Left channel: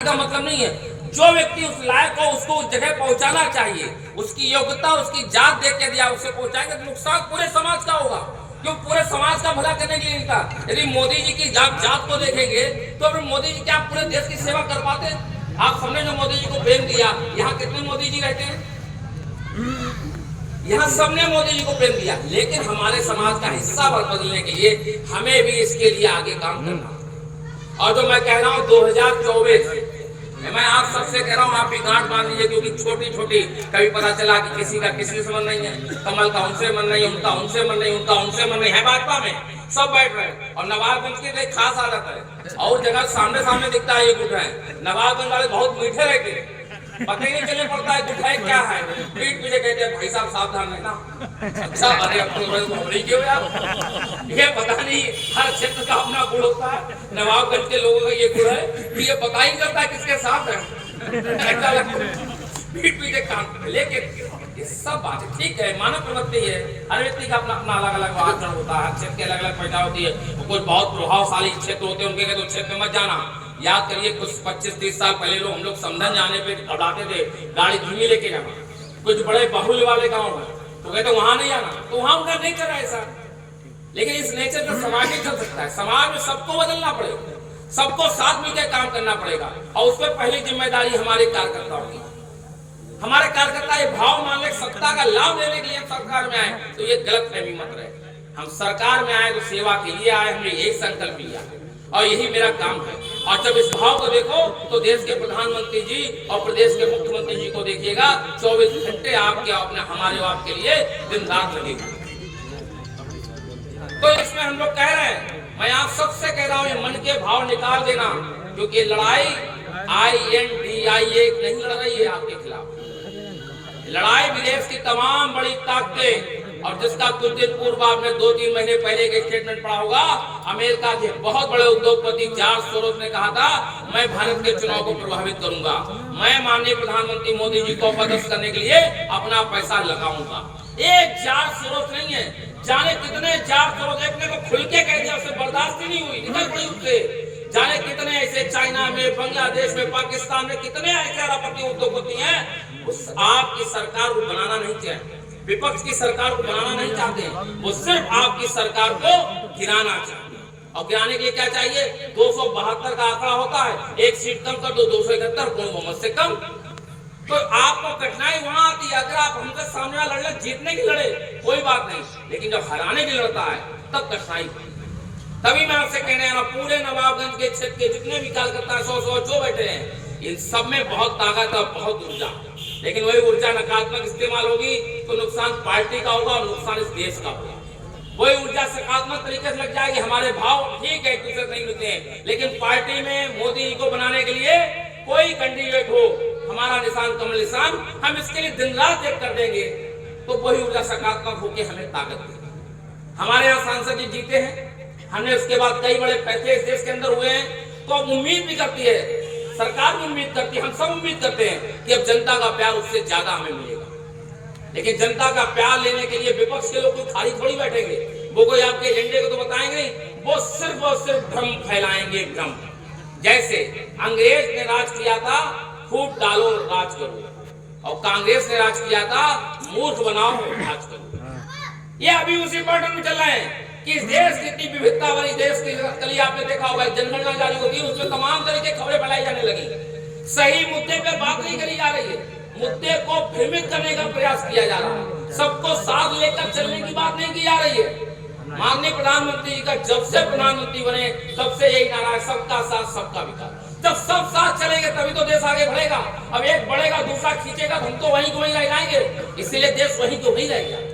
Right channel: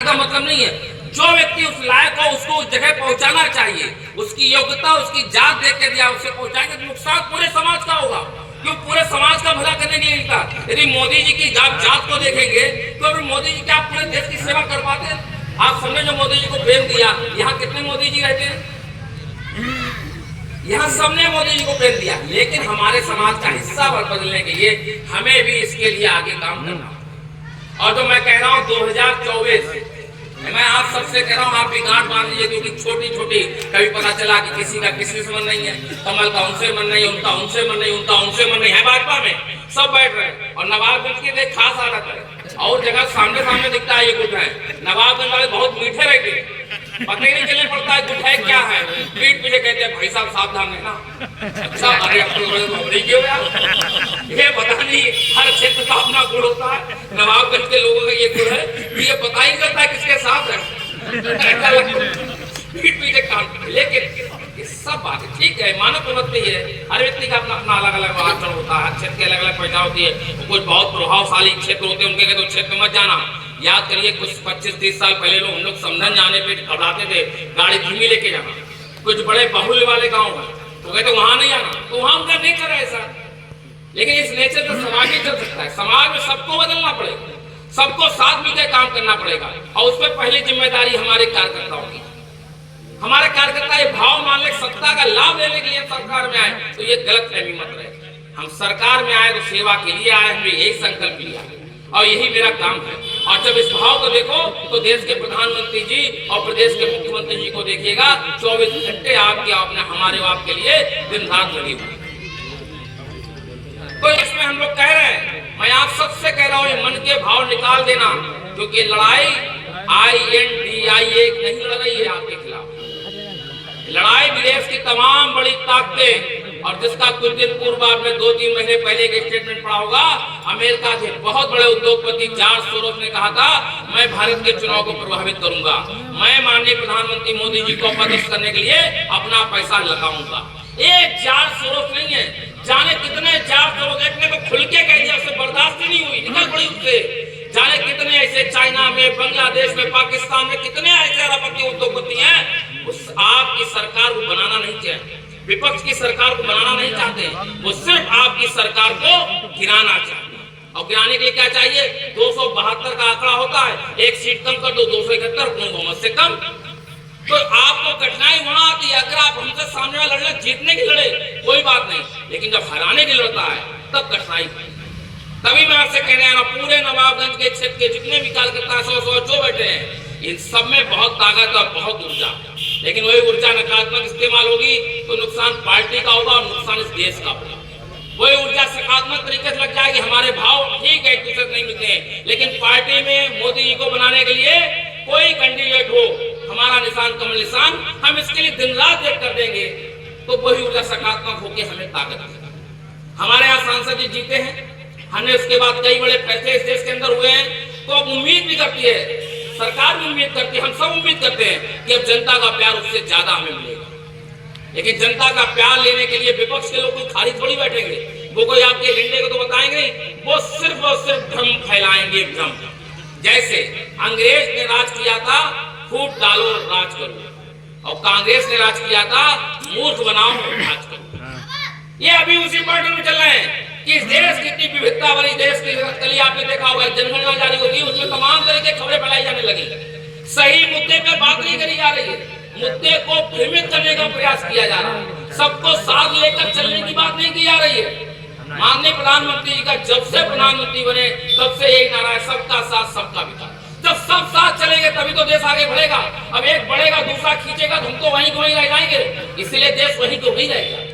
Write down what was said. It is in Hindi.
का मतलब नहीं है। जो व्यक्ति उस लायक हो उसको उस जगह पहुंचाना चाहिए, उसकी योग्यता उसकी जात देख के दिया उसे पहुंचाएंगे तो नुकसान पूरे समाज का होगा, क्यों पूरे समाज का भला करने के लिए निकला। यदि मोदी जी की जात को देखेंगे तो फिर मोदी जी क्या पूरे देश की सेवा कर पाते हैं? आप सबने जो मोदी जी को प्रेम दिया, यहाँ कितने मोदी जी रहते हैं? यहाँ सबने मोदी जी को प्रेम दिया, लेकिन हमारे समाज का हिस्सा बदलने के लिए हमें भी इसके लिए आगे काम करना। और जो मैं कह रहा हूँ 2024, मैं आप सबसे कह रहा हूँ, आप भी गांठ बांध लीजिए, क्योंकि छोटी छोटी कभी पता चला कि किसी का किसी से मन नहीं है, कमल का उनसे मन नहीं, उनका उनसे मन नहीं, उनका उनसे मन नहीं है। भाजपा में सब बैठ रहे हैं और नवाबगंज की एक खास आदत है, और जगह सामने सामने दिखता है ये गुट है। नवाबगंज वाले बहुत मीठे रहते हैं, पता ही नहीं चलने पड़ता है गुट है क्या है, पीठ पीछे कहते हैं भाई साहब सावधान रहना। अच्छा अरे क्यों यार, ये पता नहीं हर क्षेत्र का अपना गुण होता है। नवाबगंज के लोगों का ये गुण है कि ये पता ही नहीं चलता किसके साथ है, पीठ पीछे काम। लेकिन ये सब बात ठीक है, मानव प्रवृत्ति है, हर व्यक्ति का अपना अपना अलग अलग आचरण होता है, क्षेत्र की अलग अलग पैदा होती है। कुछ बहुत प्रभावशाली क्षेत्र होते हैं, उनके तो क्षेत्र में मत जाना। याद करिए कुछ 25-30 साल पहले लोग हम लोग समझन जाने पे घबराते थे, गाड़ी धीमी लेके जाना। कुछ बड़े बाहुल्य वाले गाँव में तो कहते वहां नहीं आना, तो वहां उनका नेचर है ऐसा। लेकिन इस नेचर पर समाज नहीं चल सकता है, समाज में सबको बदलना पड़ेगा, सबको साथ मिलकर काम करना पड़ेगा। और उस पर पहली जिम्मेदारी हमारे कार्यकर्ताओं की। हमारे कार्यकर्ता ये भाव मान ले सत्ता का लाभ लेने के लिए सरकार में आए, तो ये गलत फहमी मत रहे। हम सरकार में आए तो सेवा के लिए आए, हमने यही संकल्प लिया और यही मेरा काम है। और जब इस भाव को देखो तो देश के प्रधानमंत्री जी और प्रदेश के मुख्यमंत्री जी को देखिएगा, 24 घंटे आपके अपने हमारे आपके लिए दिन रात लगे हुए। तो इसमें हम लोग कह रहे हैं, मैं आप सबसे कह रहा हूँ मन के भाव निकाल देना, क्योंकि लड़ाई INDIA नहीं लड़ रही है आपके खिलाफ। लड़ाई विदेश की तमाम बड़ी ताकतें, और जिसका कुछ दिन पूर्व आपने 2-3 महीने पहले एक स्टेटमेंट पढ़ा होगा, अमेरिका के बहुत बड़े उद्योगपति जॉर्ज सोरोस ने कहा था मैं भारत के चुनाव को प्रभावित करूंगा, मैं माननीय प्रधानमंत्री मोदी जी को पदस्थ करने के लिए अपना पैसा लगाऊंगा। एक जॉर्ज सोरोस नहीं है, जाने कितने जॉर्ज सोरोस ने तो खुल के कह दिया, उससे बर्दाश्त ही नहीं हुई, निकल पड़ी उससे। जाने कितने ऐसे चाइना में, बांग्लादेश में, पाकिस्तान में कितने ऐसे अरबपति उद्योगपति हैं, उस आपकी सरकार को बनाना नहीं चाहते, विपक्ष की सरकार को बनाना नहीं चाहते, वो सिर्फ आपकी सरकार को गिराना चाहते हैं। और गिराने के लिए क्या चाहिए? 272 का आंकड़ा होता है, एक सीट कम कर दो, 271 पूर्ण बहुमत से कम। तो आपको कठिनाई वहां आती है, अगर आप हमसे सामने वाला लड़ने जीतने की लड़े कोई बात नहीं, लेकिन जब हराने की लड़ता है तब कठिनाई। तभी मैं आपसे कहने आ रहा हूं, पूरे नवाबगंज के क्षेत्र के जितने भी कार्यकर्ता 100 जो बैठे हैं, इन सब में बहुत ताकत और बहुत ऊर्जा, लेकिन वही ऊर्जा नकारात्मक इस्तेमाल होगी तो नुकसान पार्टी का होगा और नुकसान इस देश का होगा। वही ऊर्जा सकारात्मक तरीके से लग जाएगी, हमारे भाव ठीक है, एक दूसरे से नहीं मिलते हैं, लेकिन पार्टी में मोदी जी को बनाने के लिए कोई कैंडिडेट हो, हमारा निशान कमल निशान, हम इसके लिए दिन रात एक कर देंगे, तो वही ऊर्जा सकारात्मक होकर हमें ताकत देगी। हमारे यहाँ सांसद जी जीते हैं, हमने उसके बाद कई बड़े फैसले इस देश के अंदर हुए हैं, तो अब उम्मीद भी करती है, सरकार भी उम्मीद करती है, हम सब उम्मीद करते हैं कि अब जनता का प्यार उससे ज्यादा हमें मिलेगा। लेकिन जनता का प्यार लेने के लिए विपक्ष के लोग कोई खाली थोड़ी बैठेंगे, वो कोई आपके एजेंडे को तो बताएंगे, वो सिर्फ और सिर्फ भ्रम फैलाएंगे, भ्रम। जैसे अंग्रेज ने राज किया था, फूट डालो राज करो, और कांग्रेस ने राज किया था, मूर्ख बनाओ राज करो। ये अभी उसी पार्टी में चल रहे हैं कि इस देश की इतनी विविधता वाली देश की कल आपने देखा होगा, जनगणना जारी होती है, उसमें तमाम तरह की खबरें फैलाई जाने लगी, सही मुद्दे पर बात नहीं करी जा रही है, मुद्दे को भ्रमित करने का प्रयास किया जा रहा है, सबको साथ लेकर चलने की बात नहीं की जा रही है। माननीय प्रधानमंत्री जी का जब से प्रधानमंत्री बने तब से यही नारा है, सबका साथ सबका विकास। जब सब साथ चलेंगे तभी तो देश आगे बढ़ेगा। अब एक बढ़ेगा दूसरा खींचेगा तो हम तो वहीं को वहीं रह जाएंगे, इसलिए देश वहीं को वहीं रहेगा।